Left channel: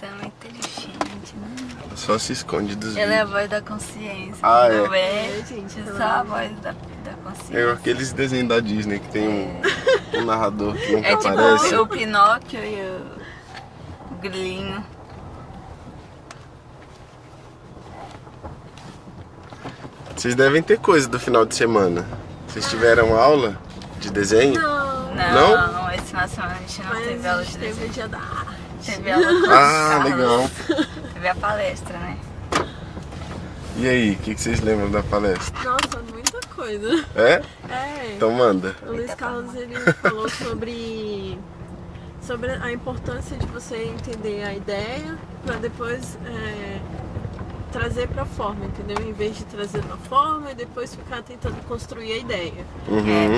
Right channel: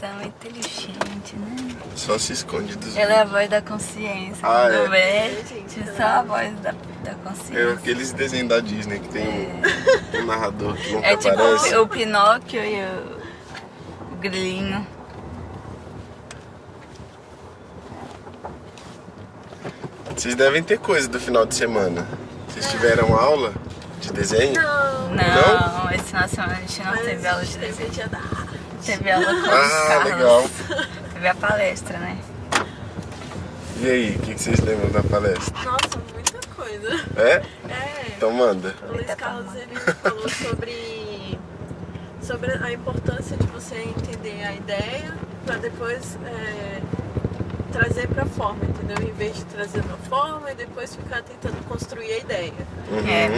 São inteligentes, né? Só se esconde dos Ela é a vídeos. voz da consciência. Ah, Quando é? vê, só a voz da consciência. É aqueles desenhos da Disney que tem um narrador que nunca É tipo aparece. o Pinóquio e o Grilinho. Vocês devem ter coisa do final de semana. Vocês tiveram aula de desenho? Não, esse final de semana a gente não Mas teve aula de teve desenho. dia da arte. Teve aula com os Ah, Carlos. legal. Teve a palestra, né? E aí, o que vocês lembram da palestra? Nossa, muita coisa. É? É. Então manda. O Luiz Carlos ele falou sobre a importância de você entender a ideia para depois trazer para forma, entendeu? Em vez de trazer uma forma e depois ficar tentando construir a ideia. É,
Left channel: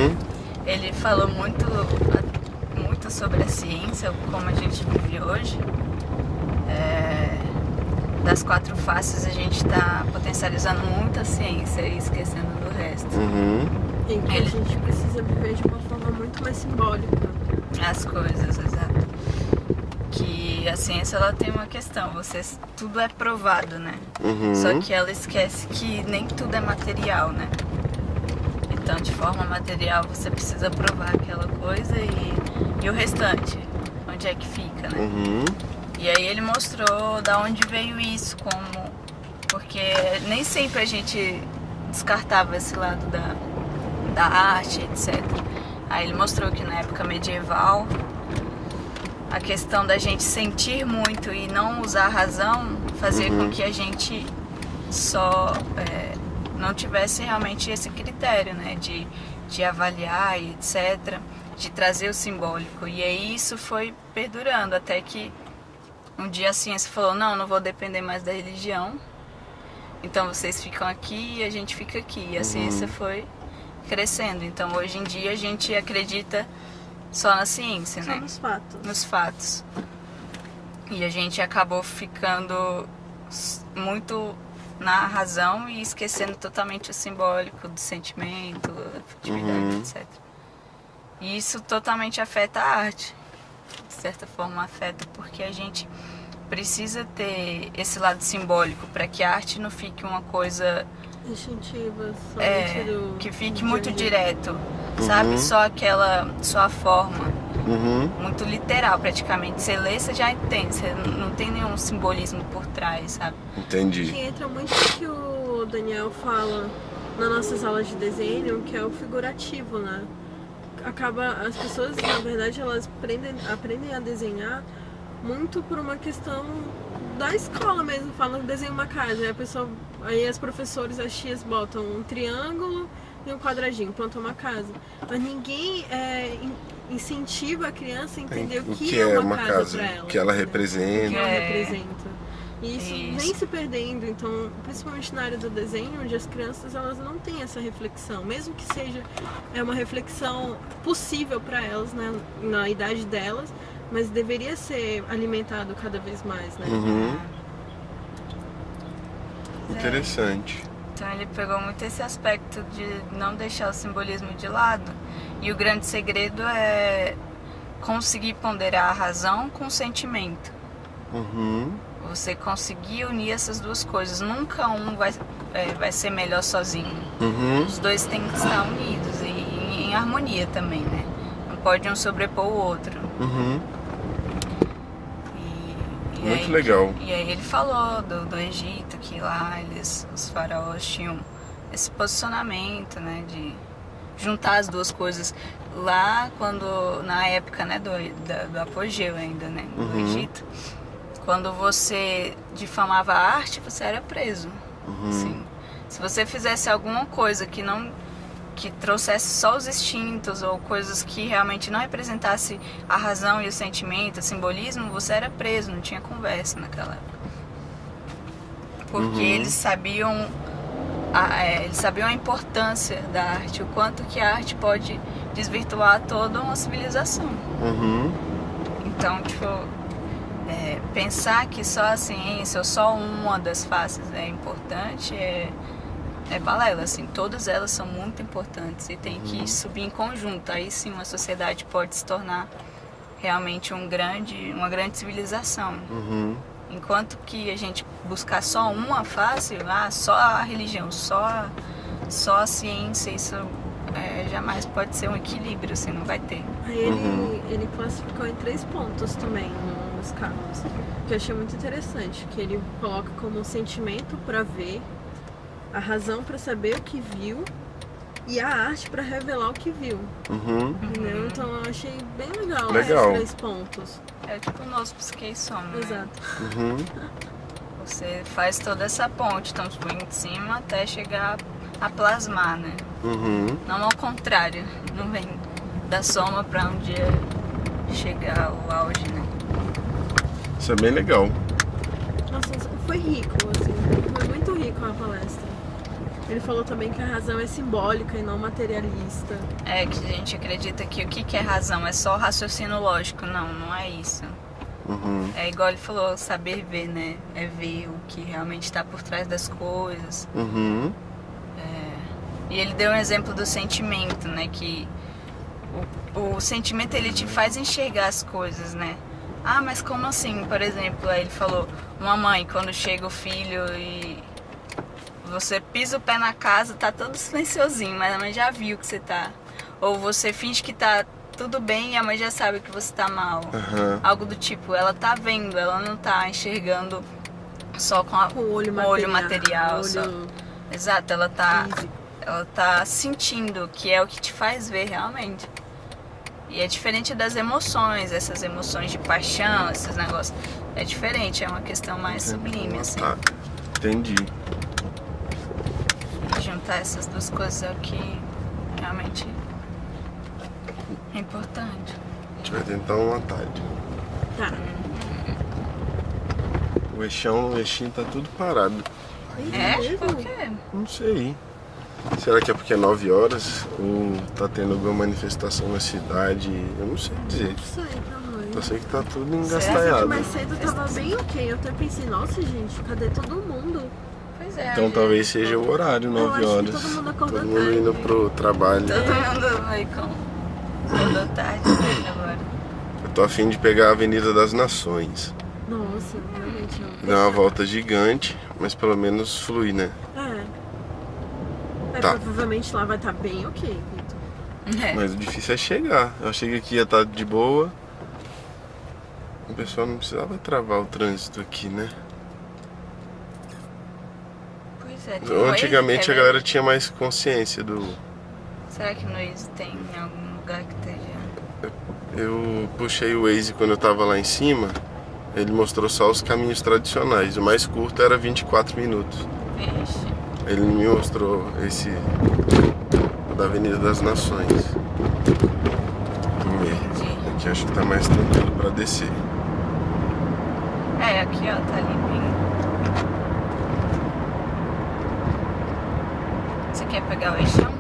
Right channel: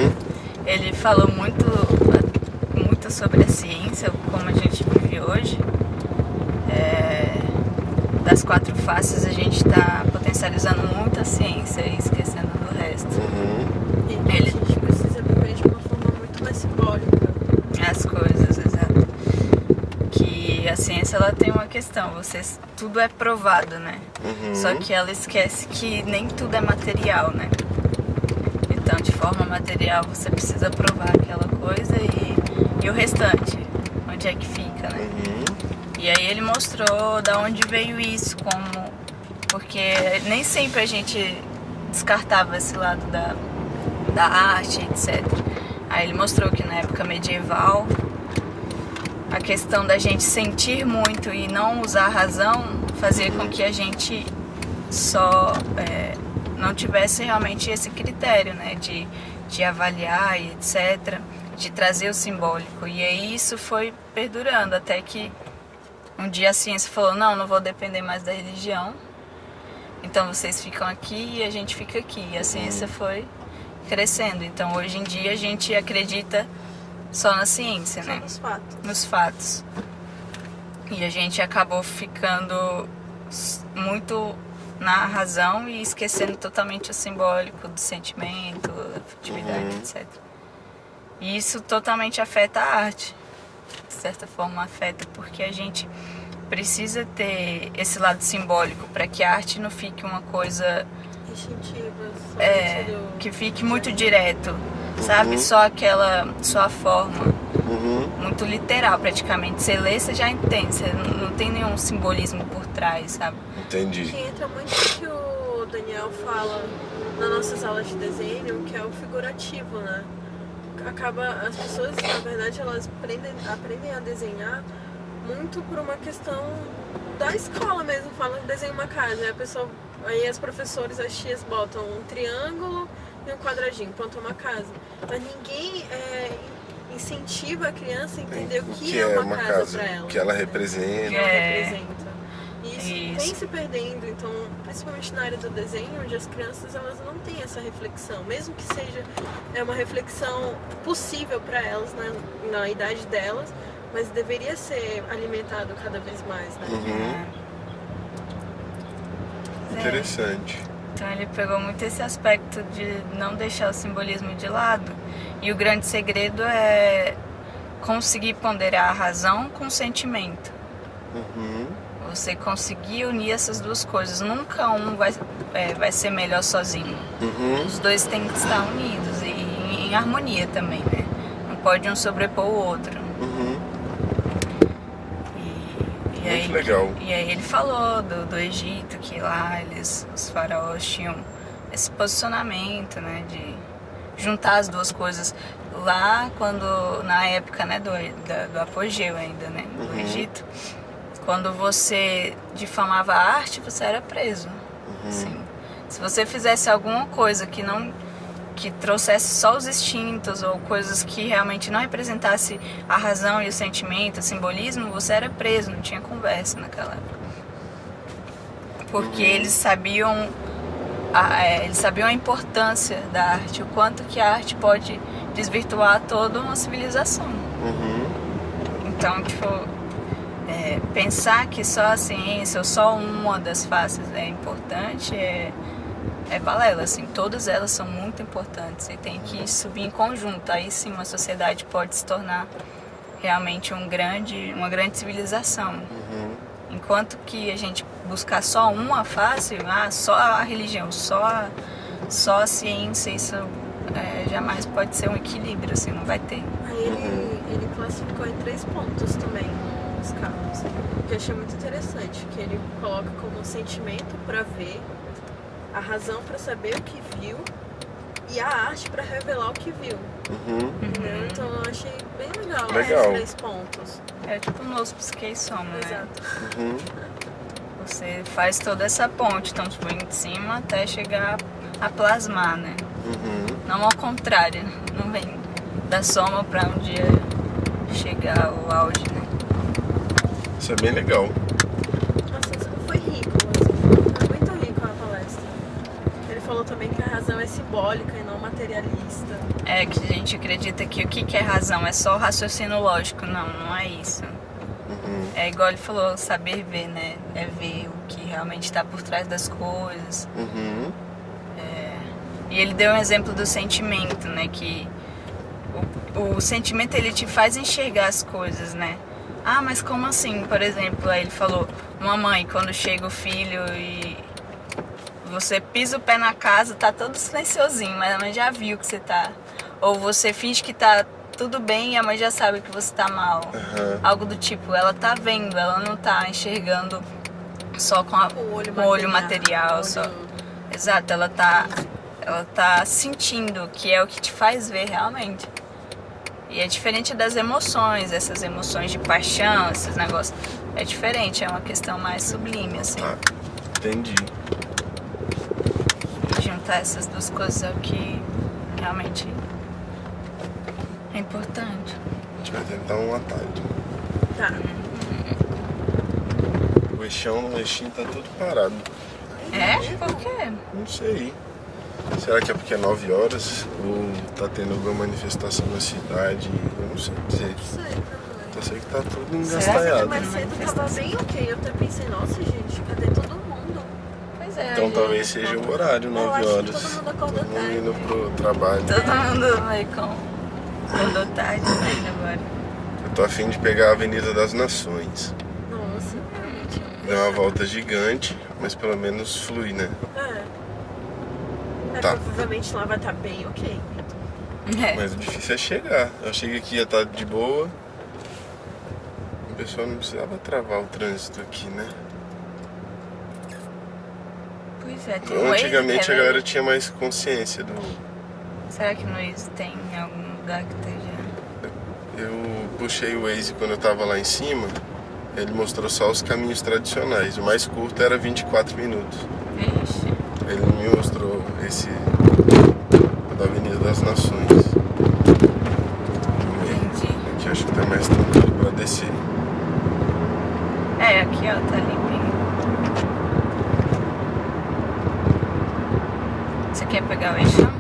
ele falou muito sobre a ciência, como a gente vive hoje. Das 4 faces a gente está potencializando muito a ciência e esquecendo do resto. E a gente precisa viver de uma forma muito mais simbólica. As coisas, exato. Que a ciência ela tem uma questão, tudo é provado, né? Só que ela esquece que nem tudo é material, né? Então, de forma material, você precisa provar aquela coisa e o restante, onde é que fica, né? E aí ele mostrou da onde veio isso, porque nem sempre a gente descartava esse lado da arte, etc. Aí ele mostrou que na época medieval, a questão da gente sentir muito e não usar a razão fazia com que a gente só não tivesse realmente esse critério, né, de avaliar e etc, de trazer o simbólico. E aí isso foi perdurando até que um dia a ciência falou, não vou depender mais da religião, então vocês ficam aqui e a gente fica aqui. E a ciência foi crescendo, então hoje em dia a gente acredita só na ciência, Só né? nos fatos. Nos fatos. E a gente acabou ficando muito na razão e esquecendo totalmente o simbólico do sentimento, afetividade, etc. E isso totalmente afeta a arte. De certa forma afeta porque a gente precisa ter esse lado simbólico para que a arte não fique uma coisa Instintiva. que fique muito direto, sabe? Só a forma. Muito literal praticamente. Você lê, você já entende, você não tem nenhum simbolismo por trás, sabe? Entendi. Que entra muito no que o Daniel fala nas nossas aulas de desenho, que é o figurativo, né? As pessoas, na verdade, elas aprendem a desenhar muito por uma questão da escola mesmo. Falam, desenha uma casa, aí as professoras, as tias botam um triângulo e um quadradinho, pronto, uma casa. Mas ninguém incentiva a criança a entender o que é uma casa para ela. O que ela representa. O que ela representa. E isso vem Isso. se perdendo, então, principalmente na área do desenho, onde as crianças elas não têm essa reflexão, mesmo que seja uma reflexão possível para elas na idade delas, mas deveria ser alimentado cada vez mais, né? Interessante. Então ele pegou muito esse aspecto de não deixar o simbolismo de lado. E o grande segredo é conseguir ponderar a razão com o sentimento. Você conseguir unir essas duas coisas. Nunca um vai ser melhor sozinho. Os dois têm que estar unidos e em harmonia também, né? Não pode um sobrepor o outro. Muito legal. E aí ele falou do Egito, que lá os faraós tinham esse posicionamento, né, de juntar as duas coisas. Lá, na época, né, do apogeu ainda, né, do Egito, quando você difamava a arte, você era preso. Assim, se você fizesse alguma coisa que trouxesse só os instintos ou coisas que realmente não representasse a razão e o sentimento, o simbolismo, você era preso, não tinha conversa naquela época. Porque eles sabiam a importância da arte, o quanto que a arte pode desvirtuar toda uma civilização. Então, tipo, pensar que só a ciência ou só uma das faces é importante é balela, assim, todas elas são muito importantes e tem que subir em conjunto, aí sim uma sociedade pode se tornar realmente uma grande civilização. Enquanto que a gente buscar só uma face, só a religião, só a ciência, isso jamais pode ser um equilíbrio, assim, não vai ter. Aí ele classificou em 3 pontos também nos carros, que eu achei muito interessante, que ele coloca como sentimento para ver, a razão para saber o que viu e a arte para revelar o que viu. Entendeu? Então eu achei bem legal esses 3 pontos. É tipo o nosso Psique e Soma, né? Exato. Você faz toda essa ponte, então tipo, em cima até chegar a plasmar, né? Não ao contrário, não vem da soma pra um dia chegar ao auge, né? Isso é bem legal. Nossa, isso foi rico, assim, foi muito rico a palestra. Ele falou também que a razão é simbólica e não materialista. É que a gente acredita que o que é razão é só raciocínio lógico, não é isso. É igual ele falou, saber ver, né? É ver o que realmente está por trás das coisas. E ele deu um exemplo do sentimento, né? Que o sentimento ele te faz enxergar as coisas, né? Ah, mas como assim? Por exemplo, aí ele falou, uma mãe, quando chega o filho e você pisa o pé na casa, tá todo silenciosinho, mas a mãe já viu que você tá. Ou você finge que tá tudo bem e a mãe já sabe que você tá mal. Algo do tipo, ela tá vendo, ela não tá enxergando só com o olho material. Só. Exato, ela tá sentindo, que é o que te faz ver realmente. E é diferente das emoções, essas emoções de paixão, esses negócios. É diferente, é uma questão mais sublime, assim. Entendi. E juntar essas duas coisas é o que realmente é importante. A gente vai tentar um atalho. Tá. O Exim tá tudo parado. É? Por quê? Não sei. Será que é porque é 9 horas? Ou tá tendo alguma manifestação na cidade? Eu não sei dizer. Não sei também. Só sei que tá tudo Será que engastanhado. Mais cedo tava bem ok. Eu até pensei, nossa gente, cadê todo mundo? Pois é. Então talvez seja o horário, 9 Eu horas. acho que todo mundo acordou Todo mundo tarde. indo pro trabalho. Todo mundo vai acordou tarde ainda agora. Eu tô a fim de pegar a Avenida das Nações. Nossa, realmente. Dá uma volta gigante, mas pelo menos flui, né? Mas Tá. provavelmente lá vai estar bem ok, Vitor. É. Mas o difícil é chegar. Eu cheguei aqui ia estar de boa. O pessoal não precisava travar o trânsito aqui, né? Pois é, tem um Waze, Antigamente quer a ver? galera tinha mais consciência do... Será que no Waze tem em algum lugar que esteja... Eu puxei o Waze quando eu tava lá em cima. Ele mostrou só os caminhos tradicionais. O mais curto era 24 minutos. Vixe. Ele me mostrou esse da Avenida das Nações. Entendi. Aqui acho que tá mais tranquilo pra descer. É, aqui ó, tá limpinho. Você quer pegar o eixão?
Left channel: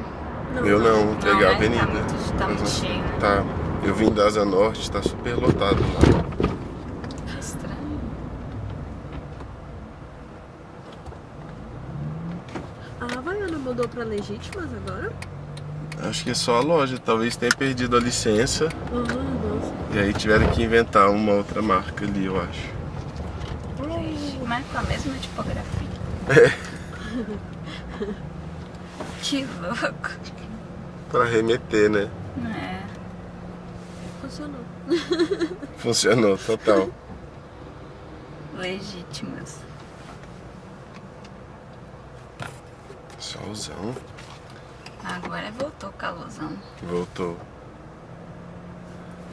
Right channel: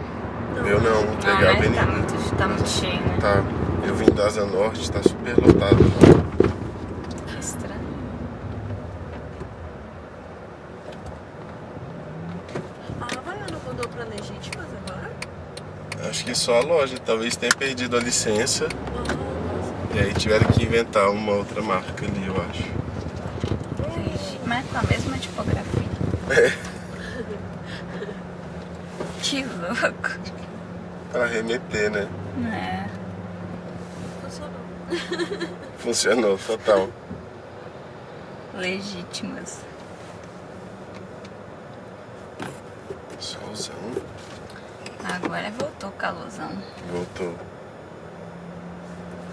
Eu não, vou Não, pegar a né? avenida. Tá muito cheio, né? Tá, eu vim da Asa Norte, tá super lotado. Que estranho. A Havaiana mudou pra Legítimas agora? Acho que é só a loja, talvez tenha perdido a licença. Nossa. E aí tiveram que inventar uma outra marca ali, eu acho. Vixe, mas com a mesma tipografia. Que louco. Pra remeter, né? É. Funcionou. Funcionou, total. Legítimas. Solzão. Agora voltou o calorzão. Voltou.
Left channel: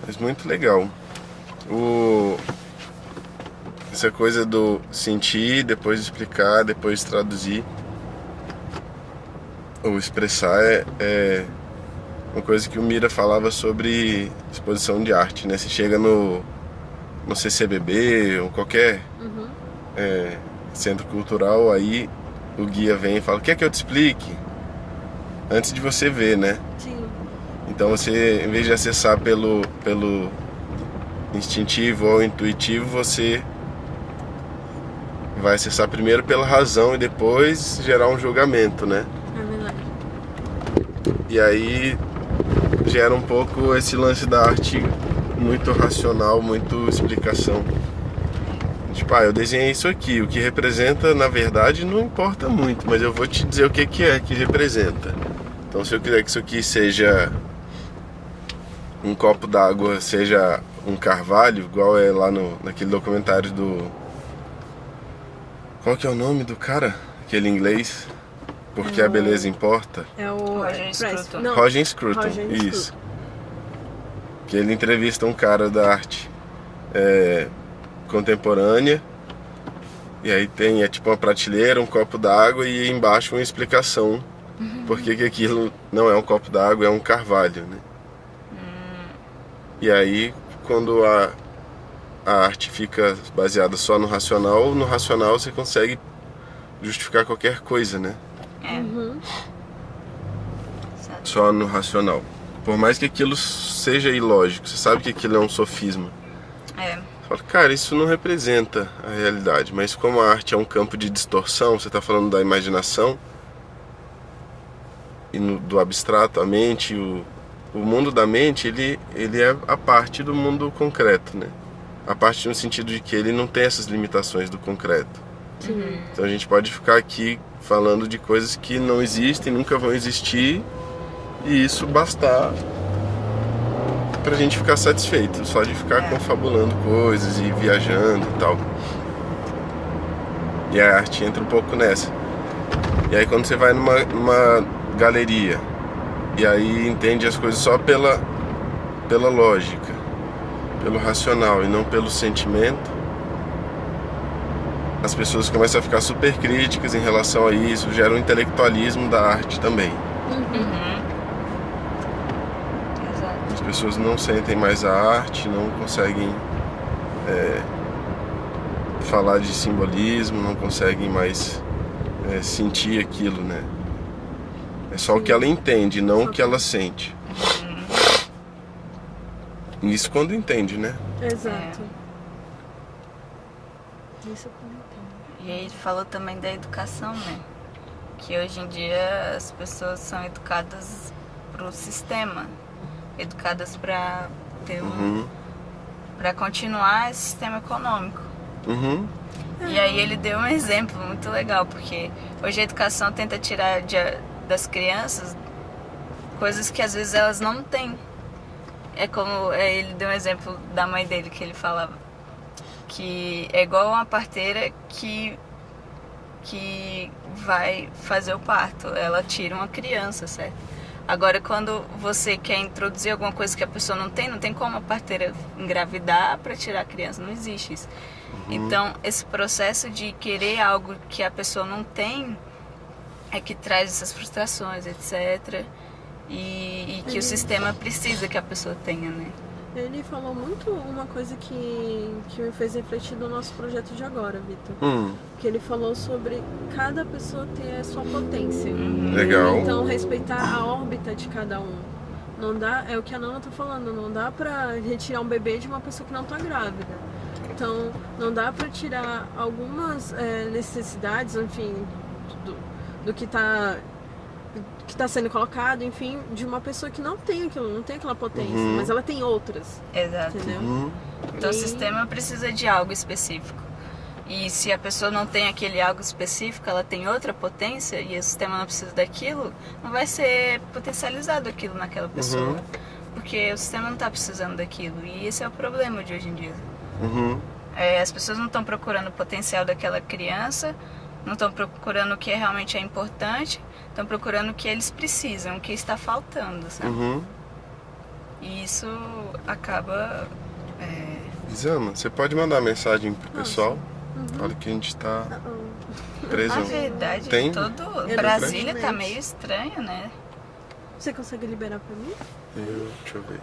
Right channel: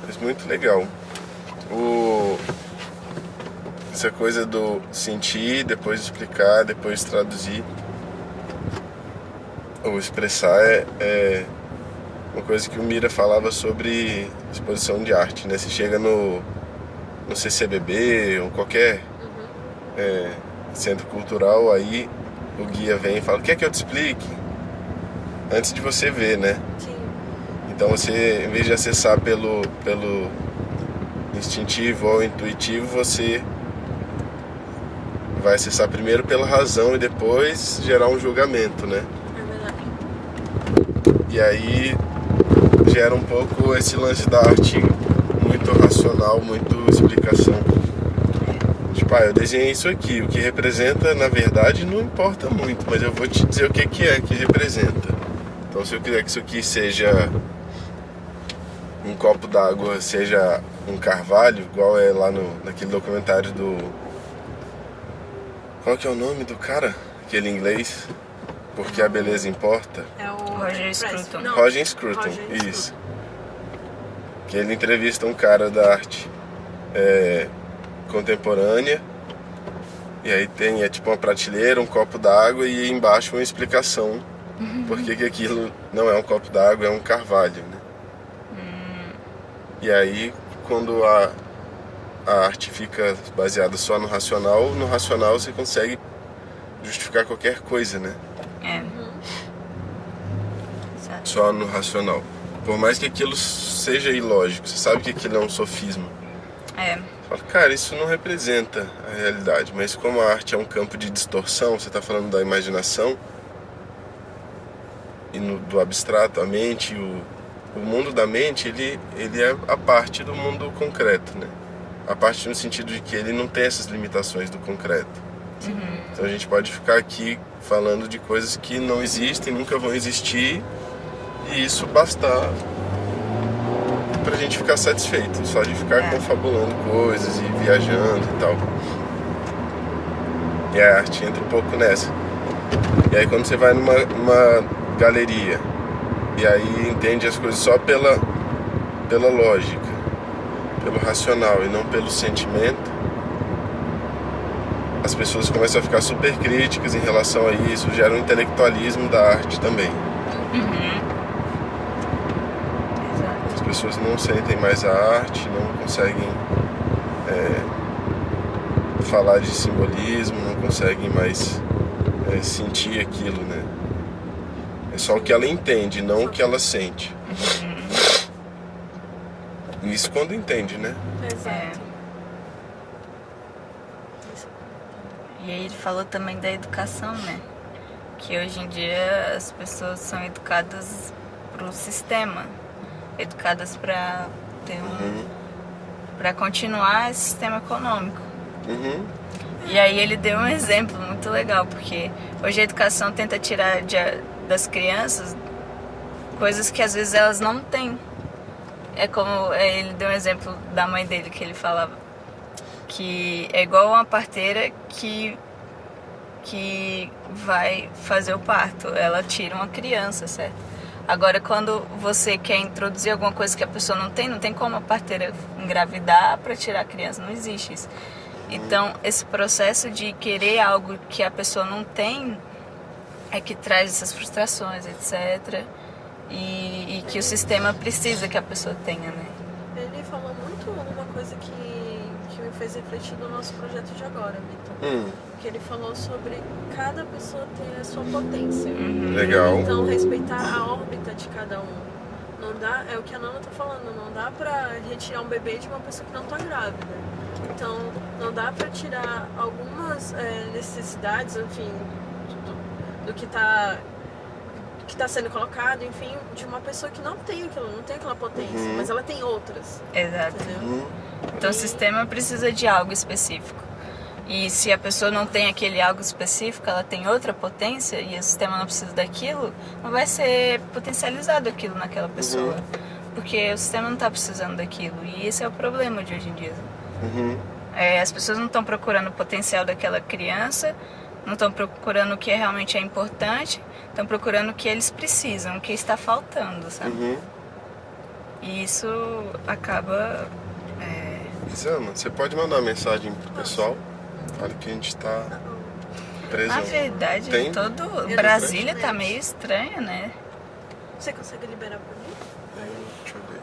Mas muito legal. Essa coisa do sentir, depois explicar, depois traduzir ou expressar é uma coisa que o Mira falava sobre exposição de arte, né? Você chega no CCBB ou qualquer centro cultural, aí o guia vem e fala: quer que eu te explique? Antes de você ver, né? Sim. Então você, em vez de acessar pelo instintivo ou intuitivo, você vai acessar primeiro pela razão e depois gerar um julgamento, né? É verdade. E aí gera um pouco esse lance da arte muito racional, muito explicação. Tipo, eu desenhei isso aqui, o que representa, na verdade, não importa muito, mas eu vou te dizer o que que representa. Então, se eu quiser que isso aqui seja um copo d'água, seja um carvalho, igual é lá naquele documentário do... Qual que é o nome do cara? Aquele inglês? Porque a beleza importa. É o Roger Scruton. Não, Roger Scruton, Roger isso. Que ele entrevista um cara da arte contemporânea, e aí tem tipo uma prateleira, um copo d'água e embaixo uma explicação por que aquilo não é um copo d'água, é um carvalho, né? E aí quando a arte fica baseada só no racional você consegue justificar qualquer coisa, né? Exato. Só no racional. Por mais que aquilo seja ilógico, você sabe que aquilo é um sofismo. Fala, cara, isso não representa a realidade, mas como a arte é um campo de distorção, você está falando da imaginação e do abstrato, a mente, o mundo da mente, ele é a parte do mundo concreto, né? A parte no sentido de que ele não tem essas limitações do concreto. Então a gente pode ficar aqui falando de coisas que não existem, nunca vão existir, e isso bastar pra gente ficar satisfeito, só de ficar confabulando coisas e viajando e tal. E a arte entra um pouco nessa. E aí quando você vai numa galeria e aí entende as coisas só pela lógica, pelo racional e não pelo sentimento, as pessoas começam a ficar super críticas em relação a isso, gera um intelectualismo da arte também. As pessoas não sentem mais a arte, não conseguem falar de simbolismo, não conseguem mais sentir aquilo, né? É só o que ela entende, não o que ela sente. Isso quando entende, né? Exato. E aí ele falou também da educação, né? Que hoje em dia as pessoas são educadas pro sistema, educadas para ter para continuar esse sistema econômico. E aí ele deu um exemplo muito legal, porque hoje a educação tenta tirar das crianças coisas que às vezes elas não têm. É como ele deu um exemplo da mãe dele, que ele falava que é igual uma parteira que vai fazer o parto, ela tira uma criança, certo? Agora, quando você quer introduzir alguma coisa que a pessoa não tem como a parteira engravidar para tirar a criança, não existe isso. Então, esse processo de querer algo que a pessoa não tem é que traz essas frustrações, etc. E que o sistema precisa que a pessoa tenha, né? Ele falou muito uma coisa que me fez refletir do nosso projeto de agora, Vitor. Que ele falou sobre cada pessoa ter a sua potência. Legal. Então, respeitar a órbita de cada um. Não dá, é o que a Nana tá falando, não dá pra retirar um bebê de uma pessoa que não tá grávida. Então, não dá pra tirar algumas necessidades, enfim, do que tá sendo colocado, enfim, de uma pessoa que não tem aquilo, não tem aquela potência, mas ela tem outras. Exato. Entendeu? Então o sistema precisa de algo específico. E se a pessoa não tem aquele algo específico, ela tem outra potência e o sistema não precisa daquilo, não vai ser potencializado aquilo naquela pessoa. Porque o sistema não está precisando daquilo. E esse é o problema de hoje em dia. As pessoas não estão procurando o potencial daquela criança, não estão procurando o que realmente é importante, estão procurando o que eles precisam, o que está faltando, sabe? E isso acaba... Isama, você pode mandar uma mensagem pro pessoal? Fala que a gente tá preso. Na verdade, Tem? todo Brasília tá meio estranho, né? Você consegue liberar pra mim? Deixa eu ver.